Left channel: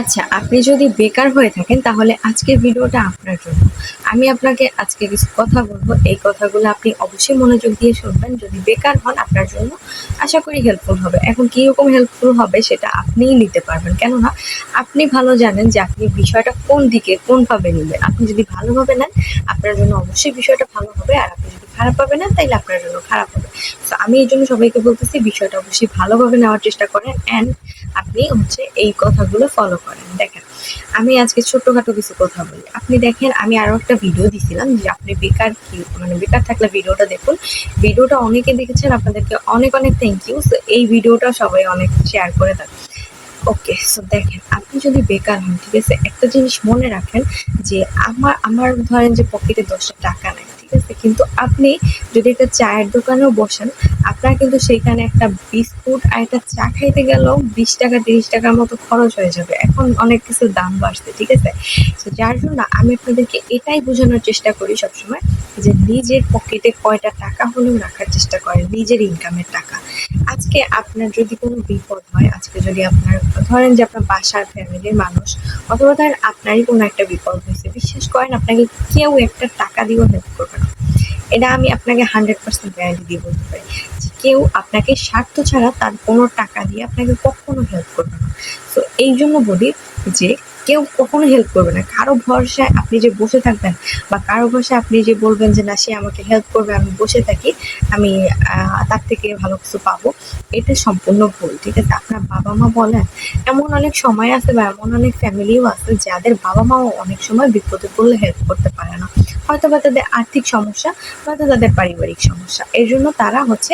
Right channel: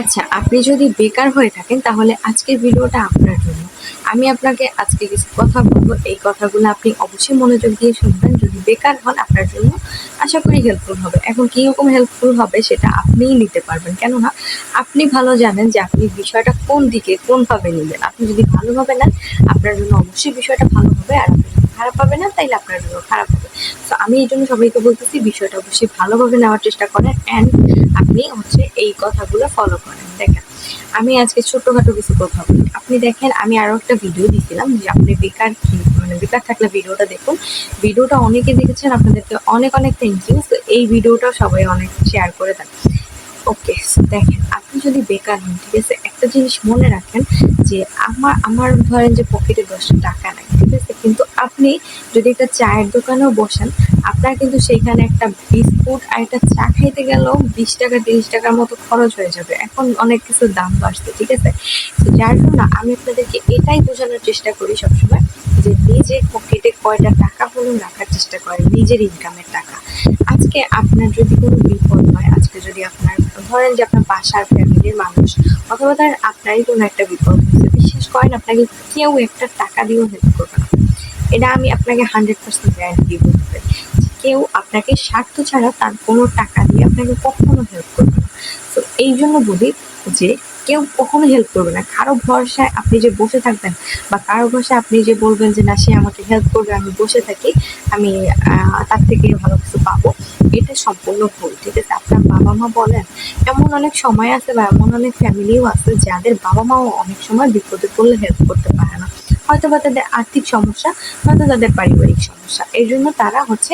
আচ্ছা আপনি যদি বেকার হয়ে থাকেন, তাহলে আজকের ভিডিওটা আপনার জন্য। আমি আপনাকে আজকে কিছু কথা বলব। এই কথাগুলো আপনি অবশ্যই মনোযোগ দিয়ে শুনবেন। যদি বেকার হন, আপনার জন্য আশা করি হেল্পফুল হবে। এখন কীরকম হেল্পফুল হবে, সেটা আপনিই নিতে পারবেন। কেননা, আপনি ভালো জানেন যে আপনি বিষয়টা কোন দিকে, কোনভাবে নেবেন আপনি যদি ভালোভাবে নেন, আপনার জন্য অবশ্যই বিষয়টা ভালো হবে। আর আপনি যদি খারাপভাবে না, তাইলে আপনার জন্য খারাপ হবে। তো আমি এই জন্য সবাইকে বলতেছি, বিষয়টা অবশ্যই ভালোভাবে নেওয়ার চেষ্টা করেন অ্যান্ড আপনি হচ্ছে এই কথাগুলো ফলো করেন। দেখেন, আমি আজকে ছোট্টখাটো কিছু কথা বলি। আপনি দেখেন, আমি আরও একটা ভিডিও দিছিলাম যে আপনি বেকার কি মানে বেকার থাকলে ভিডিওটা দেখুন। ভিডিওটা অনেকে দেখেছেন, আপনাদেরকে অনেক অনেক থ্যাংক ইউ সো এই ভিডিওটা সবাই অনেক শেয়ার করে দেন। ওকে সো দেখেন, আপনি যদি বেকার হন, ঠিক আছে? একটা জিনিস মনে রাখেন যে আমার আমার ধরেন যে পকেটে দশটা টাকা নাই। ঠিক আছে? কিন্তু আপনি যদি একটা চায়ের দোকানেও বসেন আপনার কিন্তু সেইখানে একটা বিস্কুট আর একটা চা খাইতে গেলেও বিশ টাকা, তিরিশ টাকার মতো খরচ হয়ে যাবে। এখন অনেক কিছু দাম বাড়ছে, ঠিক আছে? তো যার জন্য আমি আপনাদেরকে এটাই বোঝানোর চেষ্টা করি সবসময় যে নিজের পকেটে কয়টা টাকা হলেও রাখার চেষ্টা করেন নিজের ইনকামের টাকা। আজকে আপনার যদি কোনো বিপদ হয়, আজকে যদি আপনার, ধরেন যে আপনার বাসার ফ্যামিলির মানুষ অথবা ধরেন আপনারই কোনো একটা বিপদ হয়েছে, বিশ্বাস করেন আপনাকে কেউ একটা টাকা দিয়েও হেল্প করবে না। এটা আমি আপনাকে হান্ড্রেড পার্সেন্ট গ্যারান্টি দিয়ে বলতে পারি। কেউ আপনাকে স্বার্থ ছাড়া তার কোনো টাকা দিয়ে আপনাকে কখনো হেল্প করবে না। তো এই জন্য বলি যে, কেউ কখনো হেল্প করবে না। কারও ভরসায় আপনি যে বসে থাকবেন বা কারও ভরসায় আপনি যে বলবেন যে, না, সে আমাকে হেল্প করবে, আমি বসে থাকি, আমি তার থেকে ভালো কিছু পাবো, এটা সম্পূর্ণ ভুল, ঠিক আছে? আপনার বাবা মা বলেন, এমন অনেক সময় আছে বা এমন অনেক ফ্যামিলিও আছে যাদের বাবা মাও অনেক সময় বিপদে পড়লে হেল্প করতে পারে না। হয়তো বা তাদের আর্থিক সমস্যা নয়তো তাদের পারিবারিক সমস্যা। এই জন্য তারা হচ্ছে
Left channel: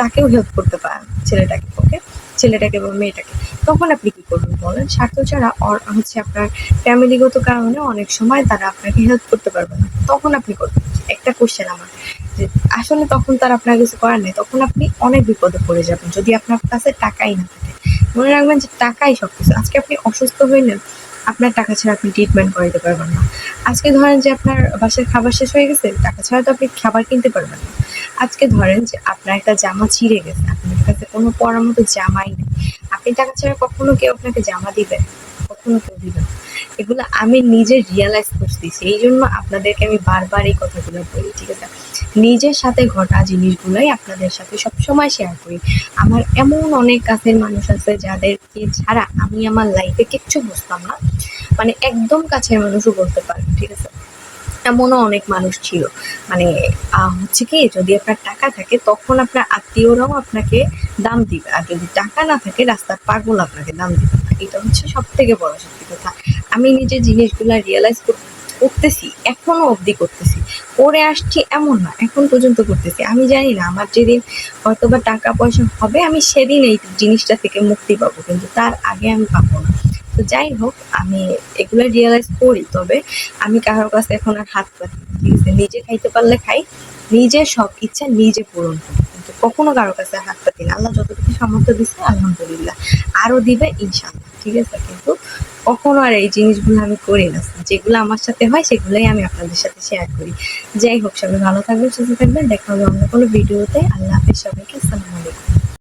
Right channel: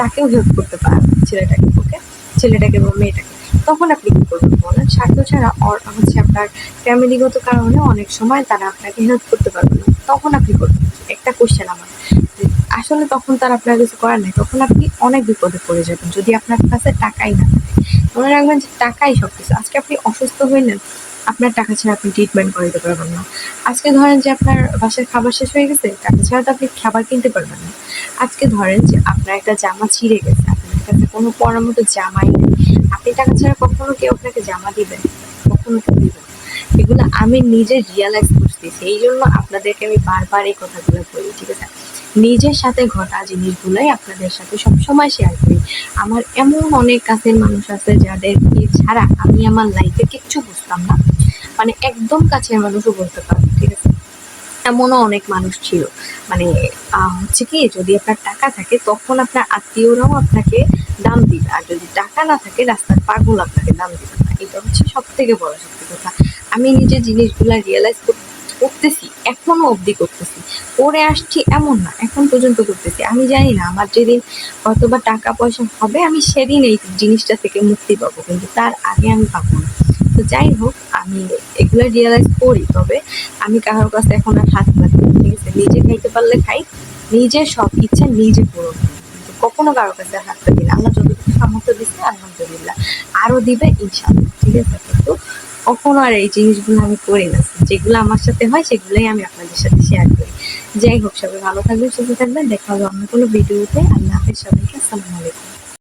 তাকেও হেল্প করতে পারে ছেলেটাকে ওকে ছেলেটাকে বা মেয়েটাকে। তখন আপনি কি করবেন বলেন? স্বার্থ ছাড়া হচ্ছে আপনার ফ্যামিলিগত কারণে অনেক সময় তারা আপনাকে হেল্প করতে পারবে না। তখন আপনি করবেন একটা কোশ্চেন আমার, যে আসলে তখন তার আপনার কিছু করার নেই, তখন আপনি অনেক বিপদে পড়ে যাবেন যদি আপনার কাছে টাকাই না থাকে। মনে রাখবেন যে টাকাই সব কিছু আজকে আপনি অসুস্থ হইলেন আপনার টাকা ছাড়া আপনি ট্রিটমেন্ট করাইতে পারবেন না। আজকে ধরেন যে আপনার বাসার খাবার শেষ হয়ে গেছে, টাকা ছাড়া তো আপনি খাবার কিনতে পারবেন না। আজকে ধরেন যে আপনার একটা জামা ছিঁড়ে গেছে আপনার কাছে কোনো পরামতো জামাই নেই। আপনি টাকা ছাড়া কখনো কেউ আপনাকে জামা দিবেন? কখনো কেউ দিবেন না। এগুলো আমি নিজে রিয়ালাইজ করতেছি এই জন্য আপনাদেরকে আমি বারবার এই কথাগুলো বলি, ঠিক আছে? নিজের সাথে ঘটা জিনিসগুলোই আপনাদের সাথে সবসময় শেয়ার করি। আমার এমন অনেক কাছের মানুষ আছে যাদেরকে ছাড়া আমি আমার লাইফে কিচ্ছু বুঝতাম না। মানে একদম কাছের মানুষও বলতে পারেন, ঠিক আছে? এমনও অনেক মানুষ ছিল। মানে হচ্ছে কি, যদি আপনার টাকা থাকে, তখন আপনার আত্মীয়রাও আপনাকে দাম দিবে। আর যদি টাকা না থাকে, রাস্তার পাগল আপনাকে দাম দিবে না। এটা হচ্ছে সব থেকে বড় সত্যি কথা। আমি নিজে জিনিসগুলা রিয়েলাইজ করতেছি, এখনও অবধি করতেছি। করে আসছি এমন না, এখন পর্যন্ত করতেছি। আমি জানি না, আমার যেদিন হয়তো বা টাকা পয়সা হবে, আমি সেদিন এই জিনিসটা থেকে মুক্তি পাবো, কিন্তু তার আগে আমি পাবো না। তো যাই হোক, আমি এগুলো রিয়েলাইজ করি, তবে আমি কারোর কাছে এখন আর হাত পাতি ঠিক আছে? নিজে খাইতে পারলে খাই নিজের সব ইচ্ছা নিজে পূরণ করি, কিন্তু কখনো কারোর কাছে হাত পাতি না। আল্লাহ যতটুকু সামর্থ্য দিচ্ছে আলহামদুলিল্লাহ। আরও দিবে ইনশাল্লাহ ঠিক আছে? কিন্তু কখনো আর এই জিনিসগুলো আমি করি না। যেগুলো আমার সাথে হয়, সেগুলোই আমি আপনাদের সাথে শেয়ার করি। যাই হোক, সবাই ভালো থাকবেন, সুস্থ থাকবেন। দেখা হবে অন্য কোনো ভিডিওতে আল্লাহ হাফিজ সবাইকে, আসসালামু আলাইকুম।